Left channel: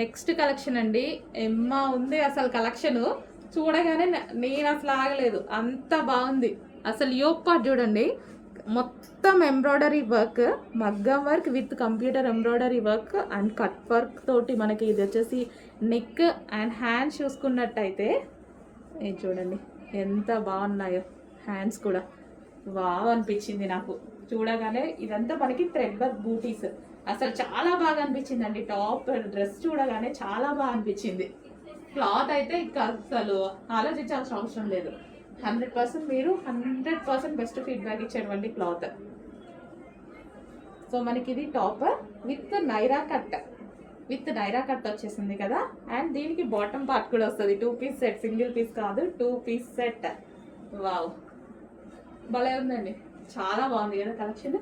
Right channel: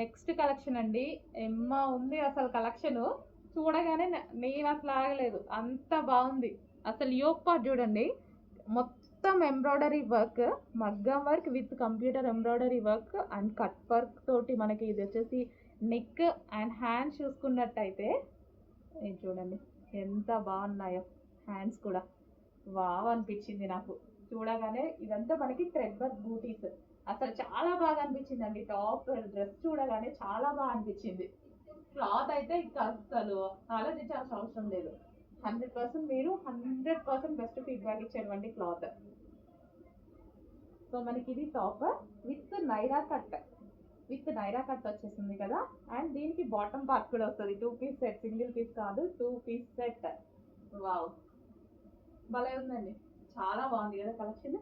Next collection అండి. ఎమ్మా ఉంది అసలు కలెక్షన్ చూడగానే నేను అసలు ఆగలేదు, అంత బాగుంది. అసలు యోగ్ పార్ట్ చూడండి, మొత్తం ఎంబ్రాయిడరీ వర్క్, మగ్గం work with computer embroidery work and cut work తోటి మనకి ఇది వచ్చేసి నెక్ అండ్ హ్యాండ్స్ చూసుకున్నట్టయితే ఇది చూడండి ఎంత బాగున్నాయో. హ్యాండ్స్ కూడా వావ్ అనిపించింది నాకు చూడగానే. ఇదంతా మనకి థ్రెడ్ వర్క్ బూటీస్, అసలు చాలా బాగా అనిపించిందండి. టాప్ డ్రెస్ చూడగానే చాలా బాగా అనిపించింది. క్లాత్ అయితే ఇంకా అసలు ఆలోచించాల్సిన అవసరం లేదు. 100% మీరు 100% బెస్ట్ ఫీడ్బ్యాక్ ఇచ్చేటువంటి క్లాత్. సో మనకి ఇది top with Naira cut, with Naira cut వచ్చేసింది కదా. అండ్ దీనికి బాటమ్ పార్ట్ కూడా వస్తుంది. 2 పీస్ సెట్, సింగిల్ పీస్ కాదు, 2 పీస్ సెట్. వావ్ భలే ఉందండి, చాలా బాగుంది కదా కలెక్షన్.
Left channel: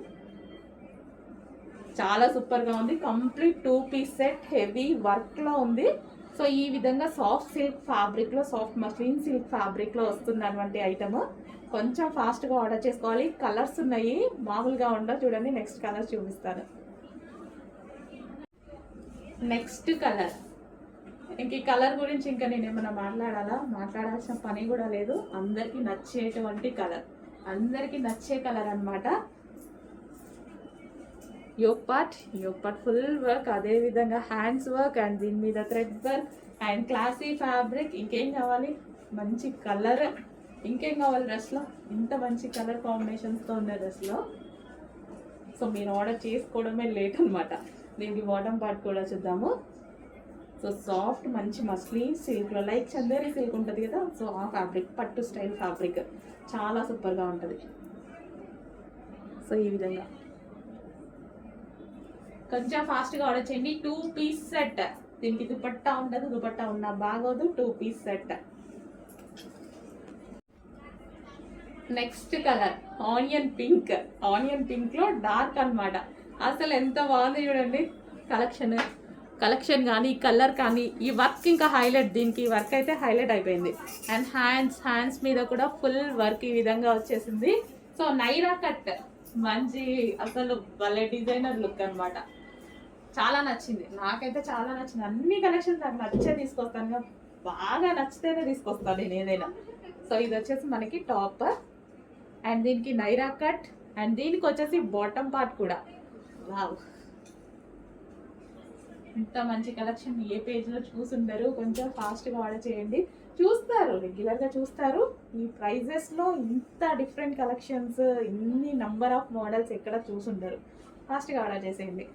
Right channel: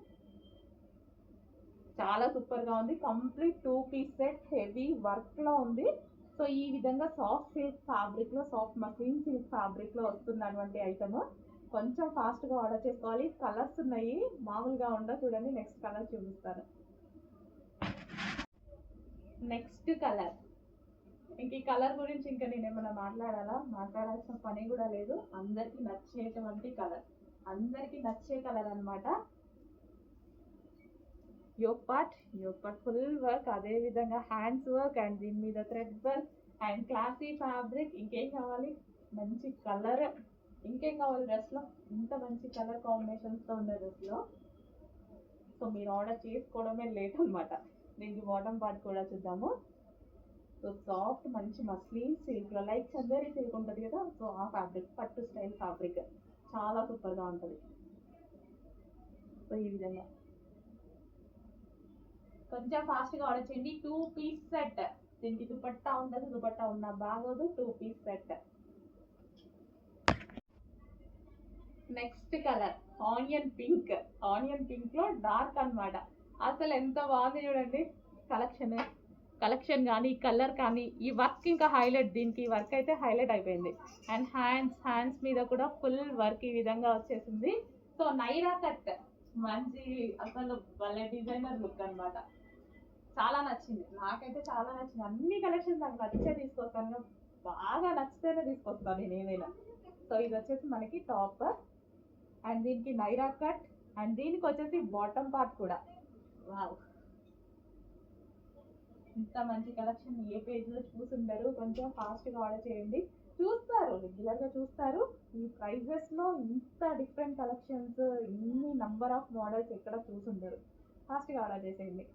చాలా సూపర్గా ఉంది. కంప్లీట్ 2 పీస్ సెట్, హెవీ వర్క్లో ఉంది. సో ఈ విధంగా సాఫ్ట్ సిల్క్ ఫ్యాబ్రిక్లో, సాఫ్ట్ మస్లిన్ సిల్క్ ఫ్యాబ్రిక్లో వస్తున్నటువంటి ఐటమ్. కొంచెం ఫాస్ట్గా ఆర్డర్ చేసుకోవాలి. కలర్స్ ఉన్నాయి, మామూలుగా ఉండవు. చూడండి నెక్స్ట్ కలర్ చూపిస్తాను. నెక్స్ట్ కలర్, ఇంక ఈ కలర్ గురించి ఇంకా నేను ఏమైనా మాట్లాడాల్సిన పని కూడా లేదు. అందరికీ నచ్చేటువంటి కలర్, అందరికీ నచ్చే కలర్ అనమాట. యోగ్ పార్ట్ ఫుల్ వర్క్, అదేవిధంగా హ్యాండ్స్ వర్క్ అండ్ దీని మీద thread work and classy fabric. ఇంకేం కావాలి, మంచి కలర్, ఇంకేం కావాలి డ్రెస్లో. ఇంత మంచి కలర్ కాంబినేషన్స్తో ఉన్న డ్రెస్లో. సో మీరు ఆర్డర్ చేసుకోవడమే లేట్ అనమాట. దీనికి బాటమ్ పార్ట్ కూడా చూద్దాము. సో సాఫ్ట్ మంచి మస్లిన్ సిల్క్లో, లైక్ చందేరి సిల్క్ ఉంటుంది కదా, సో ఆ ఫ్యాబ్రిక్, పట్టు స్టైల్ ఫ్యాబ్రిక్ చాలా సూపర్గా ఉంటుంది. సో ఈ విధంగా కొంచెం ఫాస్ట్గా ఆర్డర్ చేయండి. 2 పీస్ సెట్, దీనికి దుపట్టా ఉండదు, దుపట్టా ఉన్నా బాగోదు. 2 piece set. Next colour onion pink, onion పింక్లో డార్క్ అనమాట. అసలు ఎంత బాగుంది చూడండి కలెక్షన్ కానీ, ఈ కలర్ కానీ, ఈ వర్క్ ఇంకా హైలైట్. దీనికి వర్క్ అయితే హైలైట్ అయిపోయింది. అండ్ హ్యాండ్స్ మీద కూడా ఫుల్ వర్క్ ఈ విధంగా వచ్చేసింది. సో నైరా కట్, మంచి అసలు భలే డిజైనర్ లుక్ అనమాట. చాలా నచ్చింది, నాకైతే చాలా నచ్చింది. అన్ని కలెక్షన్స్ నాకు నచ్చే తీసుకొస్తాను, బాగా నచ్చితేనే తీసుకొస్తాను నేను ఏదైనా. సో ఇది వచ్చేసి మనకి టాప్ అండ్ దీనికి నైరా కట్ అండ్ దీనికి వచ్చేసి బాటమ్ పార్ట్ కూడా. వావ్ ఇంత మంచి కలెక్షన్ ఏ పేజ్లో చూసుండరు. కొంచెం ఫాస్ట్గా ఆర్డర్ చేయండి. చూస్తారు, రెగ్యులర్గా చూస్తారు. ఈ ప్రైజెస్లో ఇంత డిఫరెంట్ కలెక్షన్స్, ఇన్ని నంబర్ ఆఫ్ మోడల్స్ ఎక్కడ చూసుండరు. ఫాస్ట్గా ఆర్డర్ చేసేయండి.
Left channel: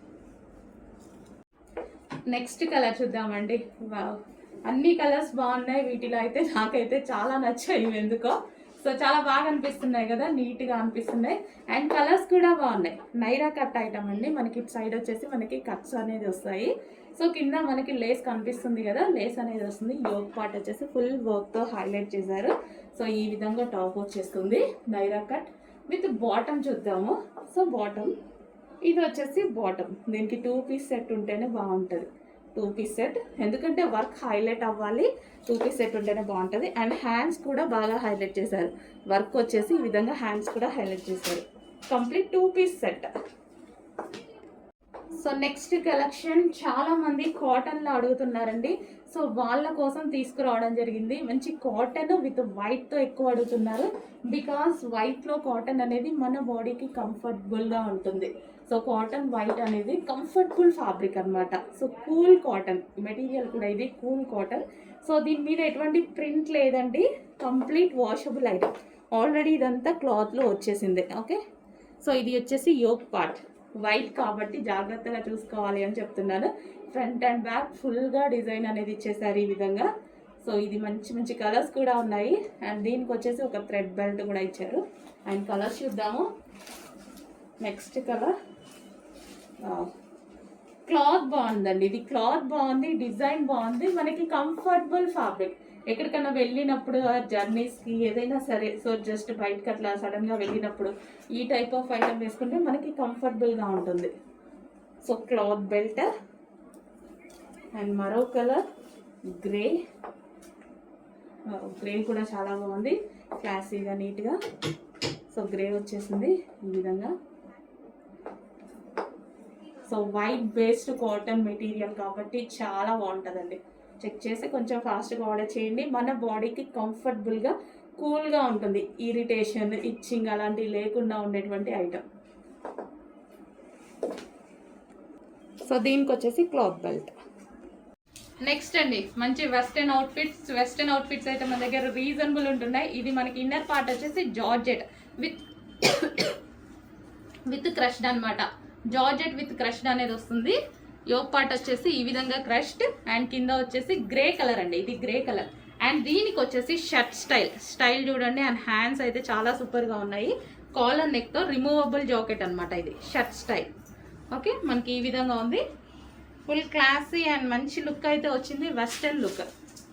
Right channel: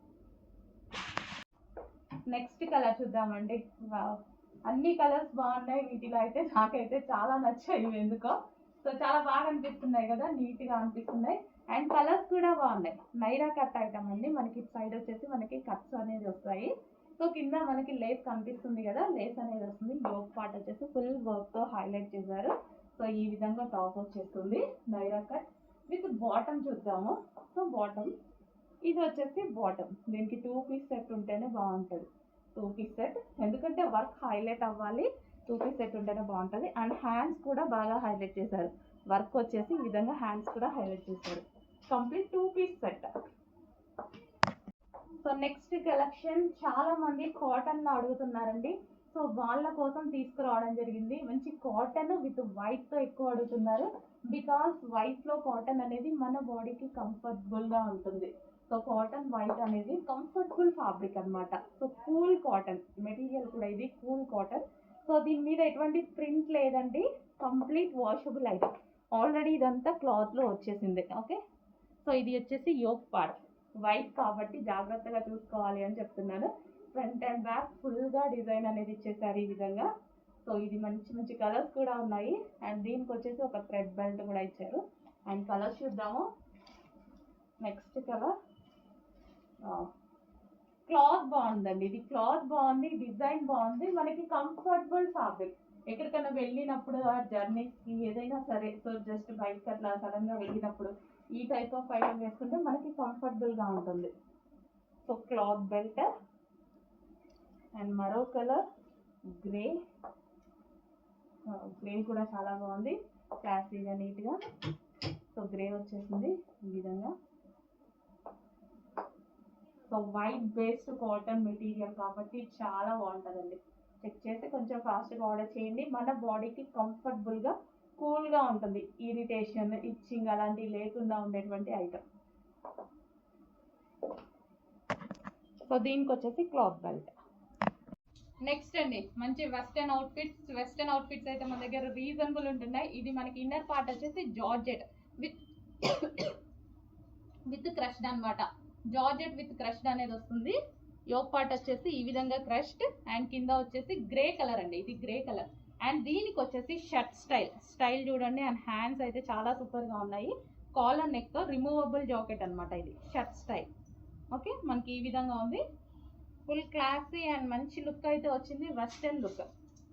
నెక్స్ట్ కలర్ చూద్దామండి. వావ్ అన్ని కలర్స్ బాగున్నాయి. వీటిలో అయితే నాకైతే చాలా నచ్చాయి ఎందుకో. సో చాలా బాగా అనిపిస్తున్నాయి కదా, నీట్గా అనిపిస్తున్నాయి. అండ్ కలర్స్ కూడా బాగున్నాయి. నైరా కట్ ఐటమ్ అండి. మనకి ఇటు సైడ్ వచ్చేసి మనకి కట్స్ అనేది వస్తాయి. సో కింద మనకి లేస్ కనిపిస్తుంది కదా, లేస్ అనేది వస్తుంది. యోగ్ పార్ట్ వచ్చేసి ఫుల్ వర్క్తో హైలైట్ చేశారు. సో ఈ విధంగా టాప్ వచ్చేస్తుంది నైరా కట్ విత్ బాటమ్ చూద్దాము. సో బాటమ్ ఇది వచ్చేసి బాటమ్. దీనికి 2 పీస్ సెట్ ఉంటేనే బాగుంటుంది. 2 పీస్ సెట్, ఎందుకంటే వర్క్ హైలైట్ అవ్వాలి. 2 పీస్ సెట్ ఉంటేనే బాగుంటుంది. అండ్ హ్యాండ్స్ కూడా బాగా హైలైట్ చేశారు. వర్క్ వచ్చేసి ఈ విధంగా హ్యాండ్స్ కూడా హైలైట్ చేశారు. Complete 2 piece set. So next collection చాలామంది కాటన్లో అడుగుతున్నారండి. సో వాళ్ళ కోసం తీసుకురావడం జరిగింది. మంచి కాటన్ విత్ వైట్తో ఎక్కువ అడుగుతున్నారు. బికాస్ వైట్లో కాటన్ అనేది మన బాడీకి కంఫర్టబుల్గా ఉంటుంది. సో కాటన్ వైట్ అనేది కంఫర్టబుల్ ఫ్యాబ్రిక్ అనమాట. సో కూల్ కాటన్ మెటీరియల్ కూడా, ఇది కూల్ కాటన్. సో దీని మీద ఎటువంటి ప్రింట్ లేదండి, కంప్లీట్ వాషబుల్ ఐటమ్. ఆల్రెడీ ఇదంతా క్లాత్లో వచ్చేసింది. ఓకే, సో ఇది వచ్చేసి యోగ్ పార్ట్, వైట్ కాబట్టి జాగ్రత్తగా చూసుకోవాలి అని చెప్తున్నాను. ఫ్రంట్ అండ్ బ్యాక్ ఫుల్గా డిజైన్ అనేది ఇచ్చేసారు ఈ విధంగా. సో ఇది మంచి మంచి కలర్స్ కూడా ఉన్నాయి. అండ్ దీనికి వచ్చేసి ఒక థ్రెడ్ బెల్ట్ కూడా ఇచ్చారు. అండ్ కలర్స్ చూద్దాము. నెక్స్ట్ కలర్, క్లాత్ బాగుందండి. ఇది క్లాత్ బాగుంది, డిజైన్ బాగుంది, మనకి కంఫర్టబుల్ ఫ్యాబ్రిక్. ఎక్కడికైనా వెళ్ళినప్పుడు జర్నీస్కి ఏదైనా సరే, సో జస్ట్ బయటకి అట్లా సడన్గా వెళ్ళినప్పుడు ఈ టైప్ ఆఫ్ ఐటమ్ వేసుకుంటే మనకి కంఫర్టబుల్గా ఉంటుంది. సో క్లాత్ బెల్ట్ అండ్ మరో కలర్ గ్రే, గ్రే కూడా చాలా బాగుంది, క్లాసీగా నీట్గా. సో గ్రే వచ్చేసింది ఈ విధంగా. So white based cotton material కాబట్టి చాలా బాగుంటుందండి. చెక్ చేసి కొంచెం ఫాస్ట్గా ఆర్డర్ చేయండి. మన బాడీకి కంఫర్టబుల్గా కూల్గా ఉంటుంది. ఇరిటేషన్, ఇచ్చింగ్ అలాంటివి లేకుండా ఉండేటువంటి ఐటమ్. సో దీనికి వచ్చేసి క్లాత్ బెల్ట్. నెక్స్ట్ అండి మంచి వెస్టర్న్ అవుట్ఫిట్స్ అయితే మన దగ్గర రీజనబుల్ ఉంటున్నాయి. ఇది మనకి ఇన్నర్ పార్ట్ వచ్చేసి జార్జెట్ విత్ క్రష్డ్ అనమాట. జార్జెట్ విత్ క్రష్డ్ అనేది వస్తుంది. యోక్ పార్ట్ వచ్చేసి ఈ విధంగా క్రష్డ్ అండ్ కింద వచ్చేసి గ్రే కలర్ అండి, ఇది గ్రే కలర్. అండ్ దీనికి వచ్చేసి షర్ట్ స్టైల్ చూడండి. అండ్ హ్యాండ్స్ అయితే చాలా సూపర్గా ఉన్నాయి. కాలర్ నెక్తో రిమూవబుల్ జాకెట్ అనమాట, ఇది షర్ట్ స్టైల్. ఓకే, మనకి ఈ విధంగా ఉంది. ఫుల్ క్లాసీ అండ్ మంచి లుక్ అయితే వచ్చింది. వెస్టర్న్ లుక్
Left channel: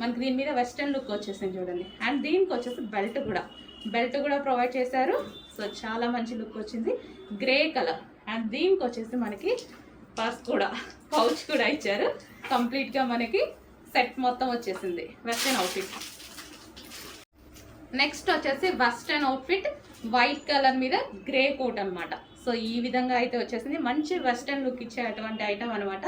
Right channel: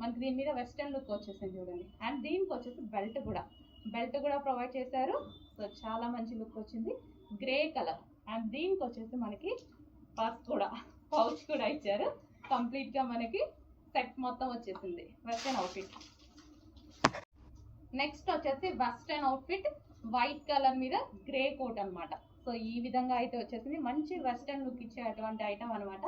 మనకి దీని మీద వెస్టర్న్ లుక్ వచ్చేసింది చూడండి. అండ్ దీనికి వచ్చేసి బెల్ట్ కూడా ప్రొవైడ్ చేశారు. సో చాలా మంచి లుక్ వచ్చింది, గ్రే కలర్. అండ్ దీనికి వచ్చేసి మనకి పౌచ్ కూడా ఇచ్చారు. కంప్లీట్గా మనకి సెట్ మొత్తం వచ్చేసింది వెస్టర్న్ అవుట్ఫిట్. నెక్స్ట్ వచ్చేసి వెస్టర్న్ అవుట్ఫిట్ వైట్ కలర్ మీద గ్రే కోట్ అనమాట. సో ఈ విధంగా అయితే వచ్చేసింది. మంచి వెస్టర్న్ లుక్ ఇచ్చే అటువంటి ఐటమ్ అనమాట.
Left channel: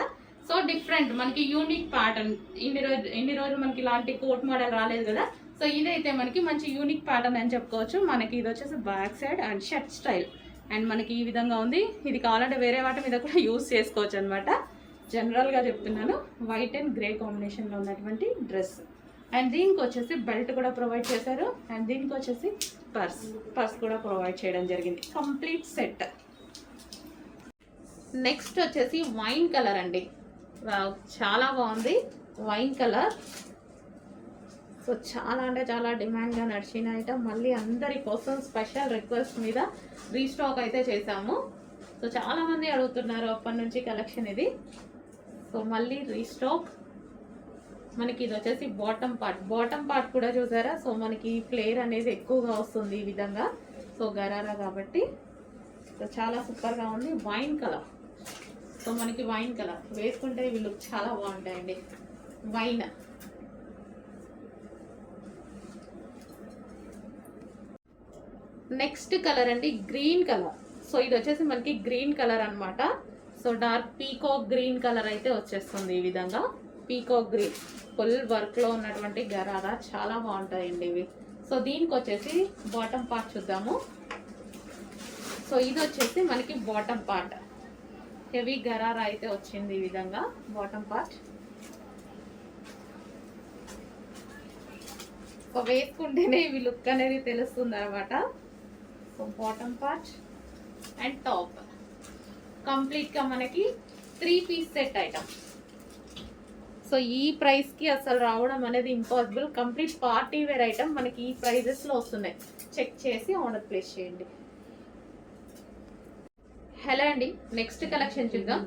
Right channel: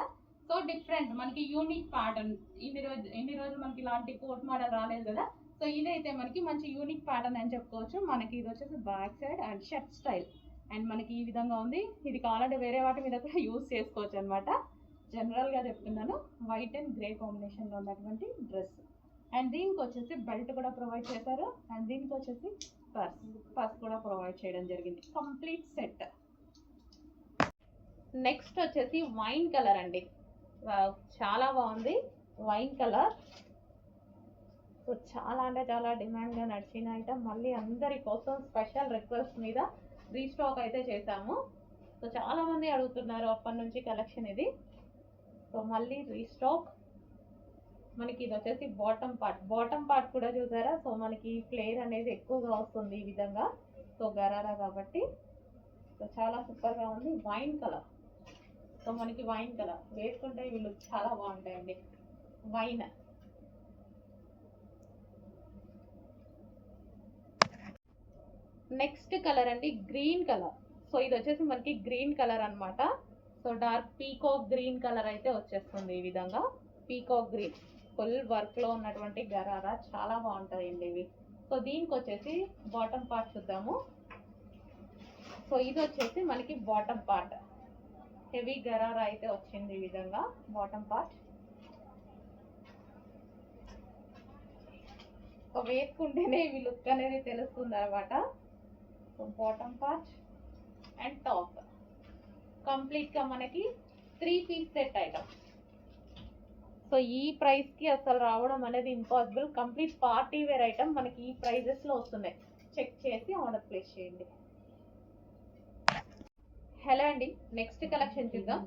సో డిఫరెంట్ మనకి యూనిక్ ప్యాటర్న్. ఇన్ని రోజులు మనకి ఇలాంటి కోట్ మోడల్ రాలేదు కదా. సో ఇదైతే మనకి మంచి యూనిక్ ప్యాటర్న్ అని చెప్పుకోవచ్చు. మనకి ఇది వచ్చేసి back side and shirt style. And మనకి ఈ విధంగా ఉంది. ఇది కావాలంటే వేరే వాటి మీద కూడా యూస్ చేసుకోవచ్చు అనమాట. జనరల్గా చెప్తున్నాను. వైట్ అండ్ గ్రే కాంబినేషన్లో ఉన్నటువంటి డ్రెస్. అండ్ దీనికి వచ్చేసి బెల్ట్ కూడా ప్రొవైడ్ చేశారు. అండ్ దీనికి వచ్చేసి పర్స్ కూడా ప్రొవైడ్ చేయడం జరిగింది. Complete set. నెక్స్ట్ వచ్చేసి వైన్ కలర్ అండి. చాలా బాగుంది వైన్ కలర్. సో చాలా అంటే చాలా డిమాండ్గా నడిచిన ఐటమ్. మళ్ళీ అందరి కోసం స్పెషల్ రిక్వెస్ట్ మీద రీస్టాక్ అయితే చేశాము. సో చాలామంది అడుగుతున్నారు అప్పటి నుంచి కలెక్షన్ ఇది. సో మళ్ళీ రీస్టాక్. మనకి ఇది వచ్చేసి బాటమ్ పార్ట్ కూడా చూసారా. సో మనకి ఫ్లేర్ అనేది ఎక్కువగా వస్తుంది ఈ విధంగా. సో గరారా కాబట్టి సో చాలా సూపర్గా ఉంది. Wine colour. సో మనకి వైన్ కలర్ వేసుకుంటే ఇవి లుక్ చాలా బాగుంటాయండి. వైన్. నెక్స్ట్ కలర్ అండి గ్రీన్ కలర్. సో ఇది వచ్చేసి మనకి గ్రీన్ కలర్ అనమాట. So dark peacock green colour అయితే వచ్చేస్తుంది ఈ విధంగా. పీకాక్ గ్రీన్ ఫుల్ వర్క్లో ఉన్నటువంటి గరారా చాలా బాగుంటాయండి ఇవి. సో దీనికి వచ్చేసి బాటమ్ పార్ట్ చూద్దాము. సో ఇది వచ్చేసి మనకి బాటమ్ పార్ట్. హెవీ గరారా అయితే వచ్చింది ఈ విధంగా బాటమ్ పార్ట్. సో వేసుకుంటేనే ఇవి లుక్ అనేది తెలుస్తుంది అనమాట. So bottom part and top కంప్లీట్గా మనకి 3 పీస్ సెట్ ఐటమ్. సో ఈ ప్రైస్కి అసలు రావడం అనేది impossible. Complete party wear item మనకి ఈ ప్రైజెస్లో వస్తున్నాయి. చెక్ చేసి ఆర్డర్ ప్లేస్ చేయండి. హలో అండి, నెక్స్ట్ కలెక్షన్ చూద్దాం.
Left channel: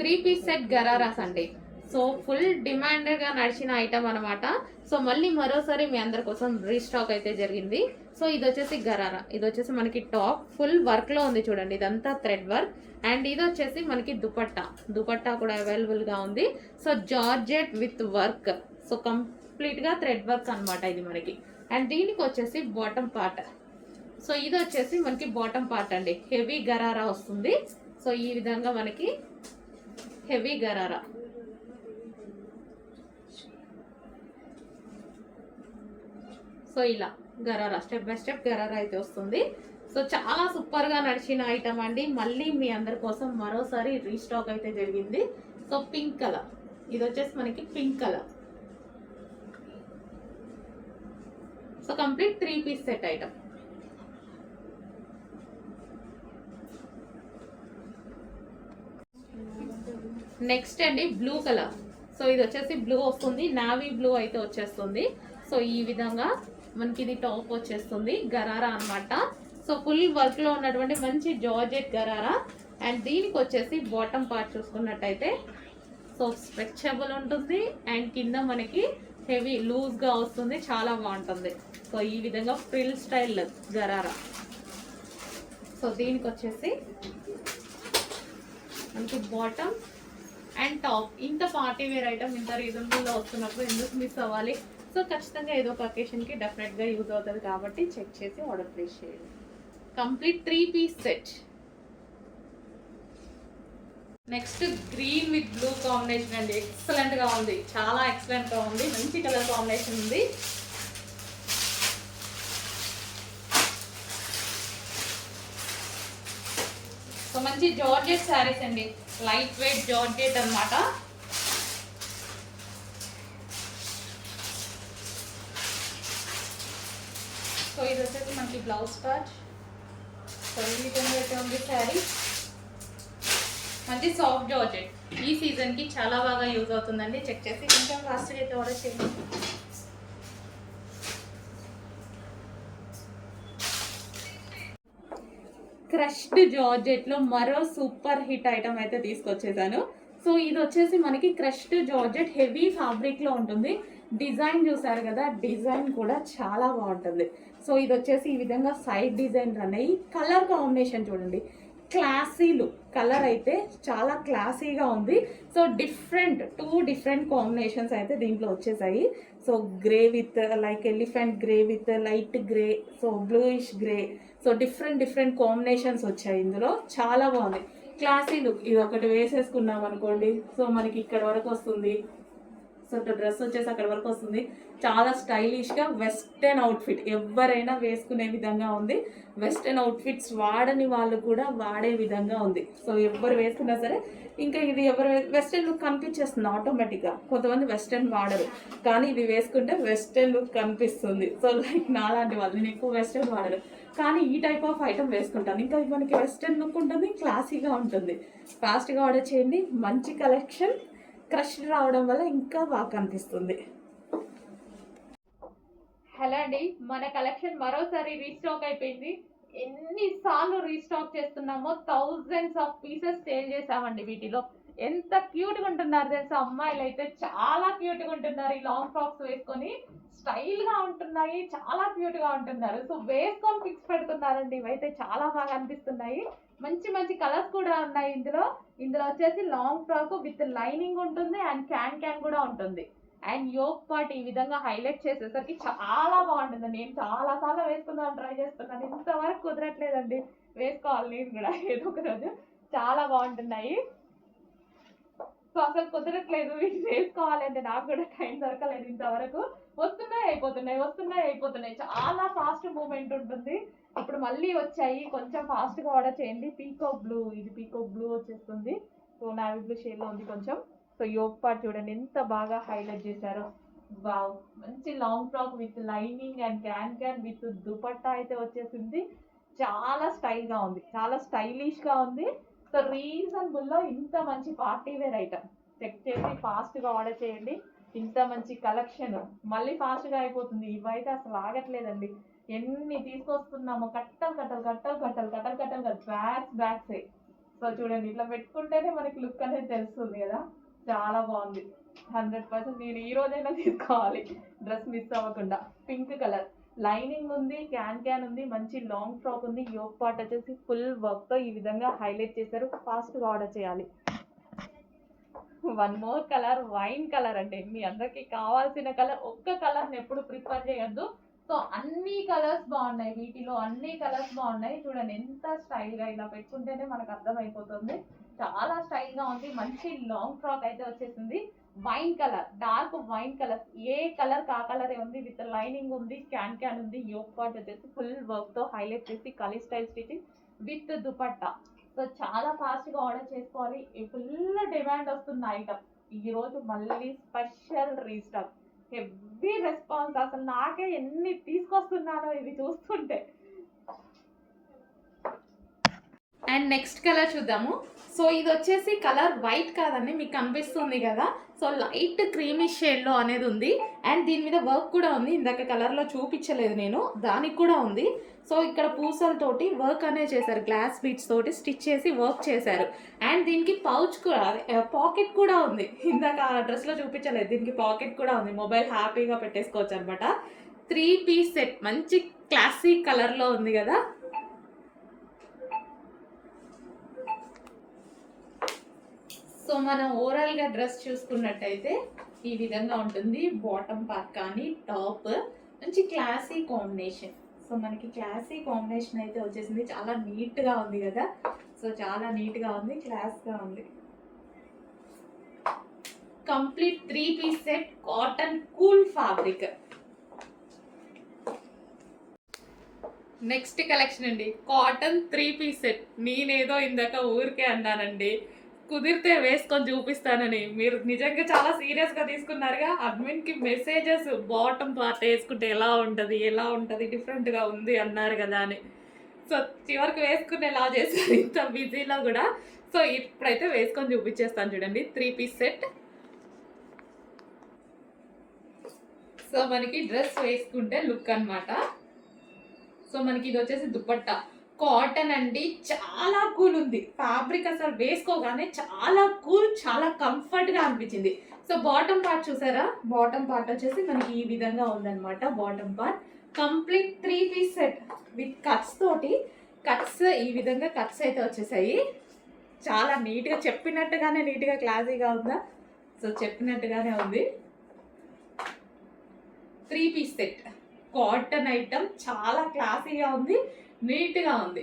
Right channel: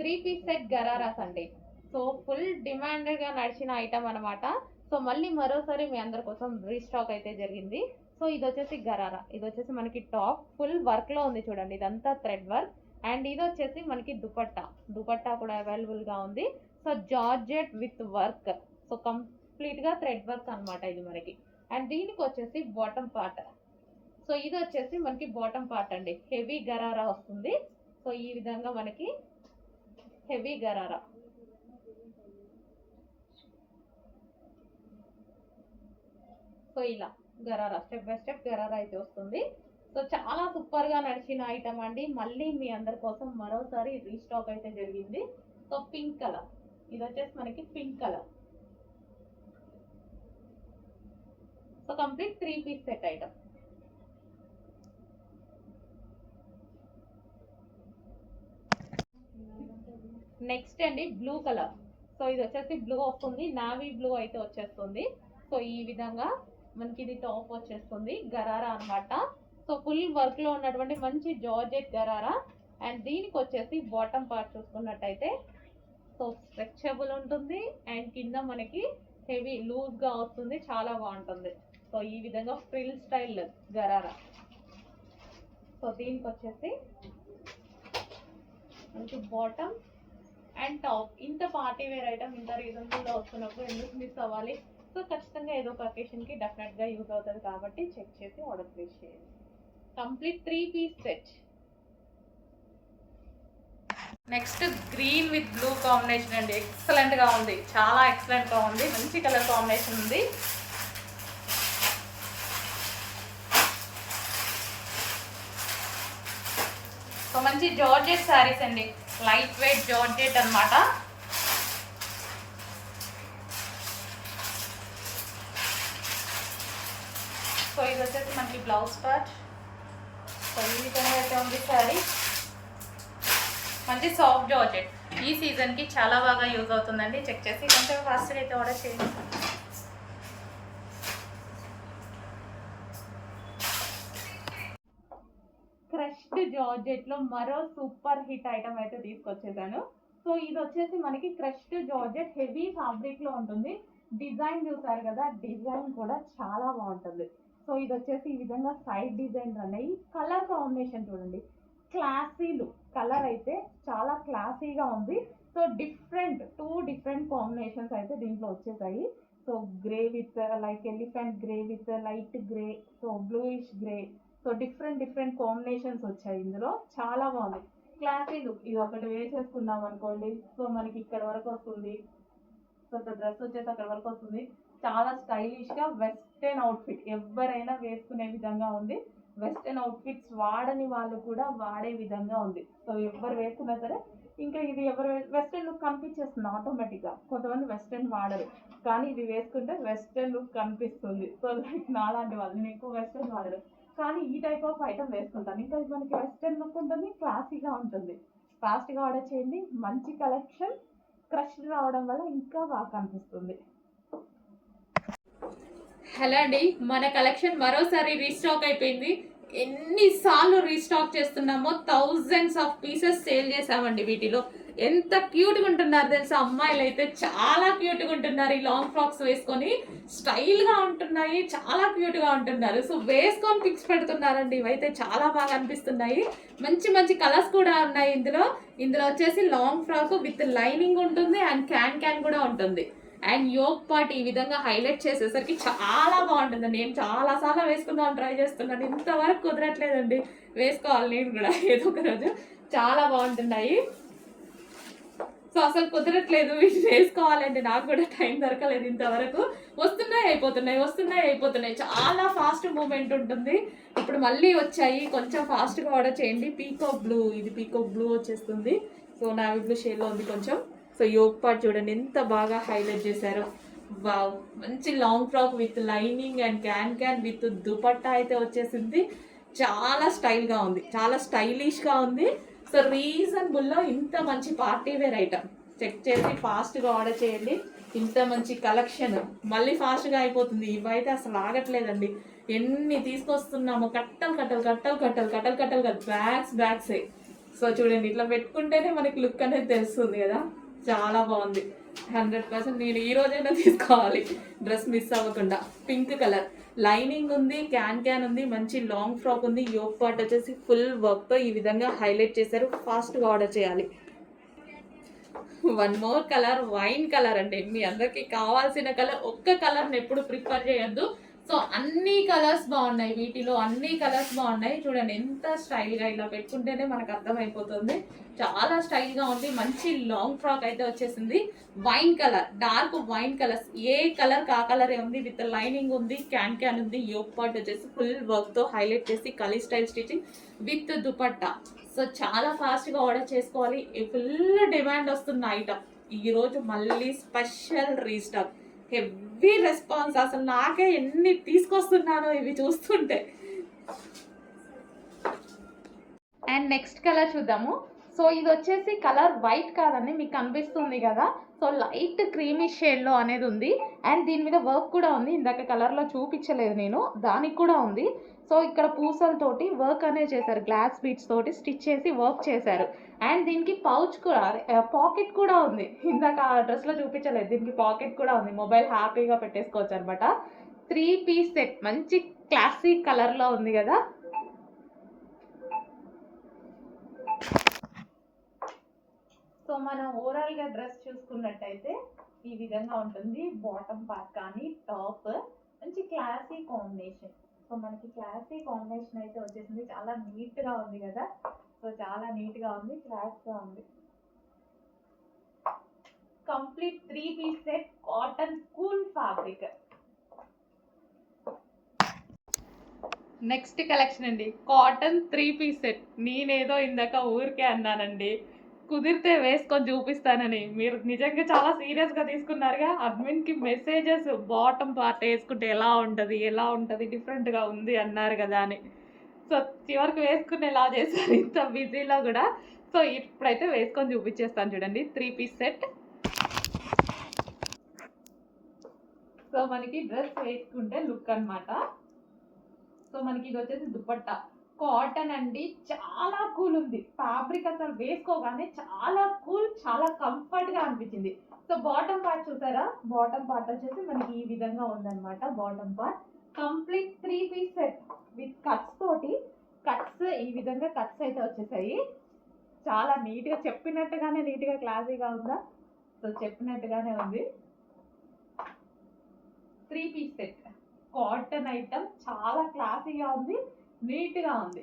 3 పీస్ సెట్ గరారాస్ అండి. సో ఫుల్ డిమాండ్గా నడిచిన ఐటమ్ అనమాట. సో మళ్ళీ మరోసారి మీ అందరి కోసం రీస్టాక్ అయితే జరిగింది. సో ఇది వచ్చేసి గరారా. ఇది వచ్చేసి మనకి టాప్ ఫుల్ వర్క్లో ఉంది చూడండి. ఇదంతా థ్రెడ్ వర్క్. అండ్ ఇది వచ్చేసి మనకి దుపట్టా కూడా అవైలబుల్గా ఉంది. So georgette with work. So కంప్లీట్గా థ్రెడ్ వర్క్ అనమాట ఇది మనకి. అండ్ దీనికి వచ్చేసి బాటమ్ పార్ట్. సో ఇది వచ్చేసి మనకి బాటమ్ పార్ట్ అండి. హెవీ గరారా వస్తుంది. సో ఈ విధంగా మనకి హెవీ గరారా. సో ఇలా gharara step by step gharara అయితే వస్తుంది. సో చాలా సూపర్గా నడిచిన ఐటమ్ అండి. మళ్ళీ మీ అందరి కోసం మరోసారి రీస్టాక్ అయితే జరిగింది. So pink colour. ఇది వచ్చేసి మనకి pink colour. So complete 3 piece set item. Next అండి బ్లూ కలర్. సో ఇది వచ్చేసి బ్లూ వస్తుంది. నావీ బ్లూ అయితే వచ్చేస్తుంది. సో ఈ విధంగా మనకి ఇది టాప్ వచ్చేస్తుంది. గరారా అనమాట. సో ఫుల్ వర్క్లో ఉన్నటువంటి మంచి జార్జెట్ గరారా. అండ్ దీనికి వచ్చేసి బాటమ్ పార్ట్ చూసుకున్నట్టయితే సో స్ట్రెచబుల్ ఉంటుంది. అండ్ కింద మనకి హెవీ లూజ్గా వస్తుంది. చాలా బాగుంటుంది. సో ఈ విధంగా ఫ్రిల్ స్టైల్ గరారా. సో దీనికి వచ్చేసి మనకి బాటమ్ అండ్ టాప్. ఇంత పార్టీ వేర్ ఐటమ్ ఇంత రీజనబుల్లో వస్తున్నప్పుడు ఎందుకు మిస్ అవ్వాలి. సో ఖచ్చితంగా ఏదో ఒక అకేషన్కి డెఫినెట్గా యూజ్ అవుతుంది కాబట్టి చెక్ చేసి ఆర్డర్ ప్లేస్ చేయండి. Complete 3 piece set. Next green with blue combination అండి, ఎక్సలెంట్గా ఉంది, చాలా ఎక్సలెంట్గా ఉంది, మంచి కలర్ కాంబినేషన్ ఉంది. సో మంచి జార్జెట్ శారీస్ అండి, లైట్ వెయిట్ జార్జెట్ అనమాట. సో ఇది వచ్చేసి మనకి బ్లౌజ్ పార్ట్. సో ఈ విధంగా అయితే ఉంది శారీ, మంచి సాఫ్ట్ జార్జెట్. ఈ సీజన్కి చాలా బాగా యూజ్ అవుతుందండి. చెక్ చేసి కొంచెం ఫాస్ట్గా అయితే ఆర్డర్ చేయండి. క్రష్డ్ జార్జెట్లో మరో సూపర్ హిట్ ఐటమ్ అయితే తీసుకొచ్చేసాను. సో ఇది వచ్చేసి మనకి క్రష్డ్ జార్జెట్ హెవీ ఫ్యాబ్రిక్లో ఉంటుంది. డిజైన్ చూసారు కదా, డిజైన్ కూడా చాలా బాగుంటుంది. సో ఇది వచ్చేసి ఈ విధంగా సైడ్ డిజైన్ రన్ అయ్యి కలర్ కాంబినేషన్ చూడండి, క్లాసీ లుక్. కలర్ అయితే చాలా క్లాసీగా ఉంది. సో టూ డిఫరెంట్ కాంబినేషన్స్ అయితే దీంట్లో వచ్చేసాయి. So grey with like elephant grey with light grey, so bluish grey, so different combinations వచ్చాయి ఇందులో. చాలా బాగుంది, క్లాసీ లుక్. ఇది ఒకటి వేసేసుకున్నాం అనుకోండి, సో మనకి ఇక్కడ వరకు వస్తుంది. సో డ్రెస్ వచ్చేసి అక్కడ వరకు వస్తుంది. చాలా స్టైలిష్గా వెస్టర్న్ అవుట్ఫిట్ ఎవరైనా వేసుకునే విధంగా ఉంది. వెస్టర్న్ అవుట్ఫిట్స్ వాడని వాళ్ళు కూడా వాడే విధంగా ఉంది. సో ఎవరు వేసుకున్నా సరే, ఇంకా ఇది ఎవరు వెస్టర్న్ లుక్ కనిపించేస్తుంది ఆటోమేటిక్గా. కొంతమంది వెస్టర్న్ వాడరు, కానీ ఇది వేసుకుంటే వెస్టర్న్ లుక్ కనిపిస్తుంది. సో లైక్ నాలాంటి వాళ్ళు, నేను ఎక్కువ వెస్టర్న్ వాడరు, కానీ ఈ టైప్ ఆఫ్ ఐటమ్ వేసుకుంటాను. ఇంకా మనకి వెస్టర్న్ లుక్ ఉంటుంది, క్లాసీగా ఉంటుంది. ఫాస్ట్గా ఆర్డర్ చేయండి. మంచి కలెక్షన్, క్రష్ రావడం వల్ల ఇంకా బాగా కనిపిస్తుంది. హలో అండి, మన కలెక్షన్ మరోసారి రీస్టాక్ అయిపోయింది. ఎన్నిసార్లు రీస్టాక్ చేస్తున్నామో, థౌజండ్స్ ఆఫ్ పీసెస్ సేల్ చేసామండి. వీటిలో ఎంత క్యూట్గా ఉంటున్నారు తెలుసా, అమ్మాయిలు అయితే చాలా క్యూట్గా ఉంటున్నారు. ఈ లాంగ్ ఫ్రాక్స్ వేసుకొని స్టైల్గా ఉంటున్నాయి, చాలా క్యూట్గా ఉంటున్నారు. సో వేసుకొని పిక్స్ పెడుతున్నారండి, ఇవైతే చాలా బాగా అనిపిస్తున్నాయి. మంచి మంచి కలర్స్ కూడా ఉన్నాయి ఇందులో. వచ్చేసి లాంగ్ ఫ్రాక్ విత్ లైనింగ్ ఉంటుంది అండ్ క్యాన్ కూడా ఉంటుంది. అండ్ యోక్ పార్ట్ ఈ విధంగా హైలైట్ చేసేసరికి చాలా బాగుంటుంది. నేను చాలాసార్లు వేసుకుందామని ట్రై చేస్తున్నాను, ఇంతవరకు కుదరట్లేదండి. వేసుకోవాలి నేను కూడా ఏదో ఒక రోజు. చాలా బాగుంటున్నాయి. సో అసలు కుదరట్లేదు వీటి వేసుకోవాలంటే, నాకు కూడా టైం దొరకలేదు ఇంతవరకు. వస్తున్నాయి అయిపోతున్నాయి, చాలా ఫాస్ట్ మూమెంట్ ఉంటుంది. ఇప్పుడు మళ్ళీ వచ్చాయి, కొంచెం ఫాస్ట్గా ఆర్డర్ చేయండి. పీకాక్ బ్లూ, ఇది పీకాక్ బ్లూ వచ్చేస్తుంది. సో నావీ బ్లూ షేడ్లో ఉంది కొంచెం. సో యోక్ పార్ట్ చూడండి ఎంత బాగా హైలైట్ చేశారో. వావ్, మంచి long frock with lining and can with dupatta అయితే వచ్చేసింది. చాలా స్టైల్గా ఉంది, చాలా స్టైలిష్గా ఉంది. సో రీజనబుల్లో ఇంత మంచి పార్టీ వేర్ ఐటమ్. చెక్ చేసి ఫాస్ట్గా ఆర్డర్ చేయండి. ఇంత మంచి కలెక్షన్ మళ్ళీ ఫాస్ట్గా అయిపోతుంది. ఇవైతే అసలు ఆగట్లేదండి, ఎన్ని తీసుకొస్తున్నాము, కట్టలు బ్యాగ్సే. సో చూడండి, ఇట్లా పెట్టుకుంటేనే మనకి లుక్ అనేది తెలుస్తుంది కదా. చాలా బాగుంది, 100%. నేను ఈ రోజైనా తీసుకోవాలి, డ్రెస్ మిస్ అవ్వకుండా. పింక్ కలర్ లైనింగ్ ఉంది, క్యాన్ ఉంది, మంచి లాంగ్ ఫ్రాక్ ఉంది. యోక్ పార్ట్ వచ్చేసి ఫుల్ వర్క్తో ఈ విధంగా హైలైట్ చేశారు. ఫాస్ట్గా ఆర్డర్ చేయాలి. One more colour, wine colour అండి. మీ అందరికీ కావాల్సిన కలర్. ఒక్క కలర్ని ఎప్పుడు ప్రిఫర్ చేయొద్దు. సో అన్ని కలర్స్ బాగున్నాయి, వీటిలో అన్ని కలర్స్ బాగున్నాయి. చూడండి ఎంత స్టైల్గా, ఇలా పెట్టుకుంటేనే మనకు అర్థమైపోతుంది. చాలా స్టైల్గా ఉంది. మంచి లాంగ్ ఫ్రాక్ అయితే వచ్చేసింది. Wine colour, dark wine colours, ఏ కలర్ కా కలరే ఉంది. విత్ లైనింగ్ ఉంది, క్యాన్ ఉంది. యోక్ పార్ట్ వచ్చేసి ఫుల్ వర్క్తో హైలైట్ చేసి kali style stitching with dupatta. So చాలా ఫాస్ట్గా ఆర్డర్ చేసుకోవాలి. ఫుల్ డిమాండ్ వస్తున్న ఐటమ్. ఈరోజు మళ్ళీ స్పెషల్ రీస్టాక్, హెవీ రెస్పాన్స్. అసలు నాకే ఎన్ని తీసుకొస్తున్నానో ఇవి చూస్తుంటే. అండ్ నెక్స్ట్ కలర్ చూద్దాము. సో ఇది వచ్చేసి కలర్ వైట్ కాదండి, మీకు కనిపిస్తుంది కదా. సో లైట్ క్రీమీ షేడ్లో అనేది ఉంది. అండ్ దీని మీద వర్క్ కూడా ఉంది, ఇందాక కలర్లో చూపించలేదు నేను, దానికి కూడా ఉంది. సో ఇక్కడ పూసలతోటి వర్క్ అనేది చేశారు, గ్లాస్ బీడ్స్ తోటి స్టిచ్ చేసి వర్క్ చేశారు. అండ్ దీనికి పౌచ్ కూడా, పాకెట్ కూడా ఉంది. ఇందాక ఆ డ్రెస్లో చూపించలేదు, దీనికి పాకెట్ కూడా ఉంది. మొబైల్ హ్యాపీగా పెట్టేసుకోవచ్చు అనమాట. 3 పీస్ సెట్, మంచి క్లాసిక్ కలర్లో ఉంది కదా. సో మనం ఓవరాల్గా డ్రెస్ చూసుకున్నట్టయితే ఈ విధంగా ఉంటుంది. బాటమ్ పార్ట్ కానీ టాప్, మంచి క్లాసీ కాంబినేషన్. సో మనకి క్లాసీ కాంబినేషన్ అయితే వచ్చేసింది. చాలా నీట్గా ఉంది కదా. సో చాలా నీట్గా ఉంది, క్లాస్గా ఉంది. Complete 3 piece set cotton cool fabric. Next collection అండి, కాటన్ 3 పీస్ సెట్. నేనేదో ఇందాక ఊరికే అన్నానండి, కుదిరితే వేసుకొని చూపిస్తానని. మీరు నిజంగా చాలా సీరియస్గా తీసుకున్నారుగా. అడ్మిన్కి మెసేజెస్ బాటమ్ పార్ట్ వేసుకుంటే ఎలా ఉంటుంది డిఫరెంట్గా ఉంది అన్నారు కదా అని. సో చివరికి వేసుకునేలా చేశారు ఇంత బిజీలో కూడా. సో ఇప్పుడైతే వేసుకొని చూపించేస్తాను చూడండి. 3 పీస్ సెట్. సో మనకి డ్రెస్ వేసుకుంటే లుక్ అన్నమాట. సో మనకి ఇది వచ్చేసి దుపట్టా కాటన్ అండి, చాలా కూల్ ఉంది ఫ్యాబ్రిక్. అసలు వేసుకోగానే చాలా కూల్, చాలా కంఫర్ట్గా అనిపించింది. సో బాటమ్ పార్ట్ చూసారా, బాటమ్ పార్ట్ వచ్చేసి మనకి ఈ విధంగా ఉందన్నమాట. Bottom part complete 3 piece set with cuts తోటి. కట్స్ ఈ విధంగా కట్స్ అయితే వచ్చేసాయి. చాలా నీట్గా, చెప్పినట్టుగానే నీట్గా క్లాసీగా ఉందా. సో చెప్పినట్టుగానే ఉంది. 3 పీస్ సెట్ కాటన్ ఐటమ్, చాలా క్లాసీగా ఉంది, నీట్గా ఉంది.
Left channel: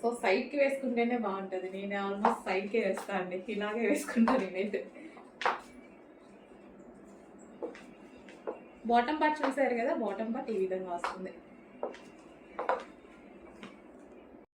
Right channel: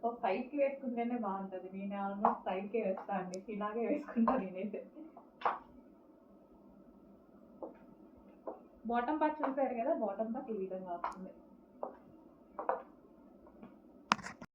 సో సైడ్కి వేసుకుంటేనే బాగుంటుంది. నేను ఆల్మోస్ట్ సైడ్కే వేస్తాను అండి, ఇలాగే వేసుకుంటాను నేనైతే. బాటమ్ పార్ట్ చూసారు కదా, బాటమ్ పార్ట్ ఈ విధంగా వస్తుంది.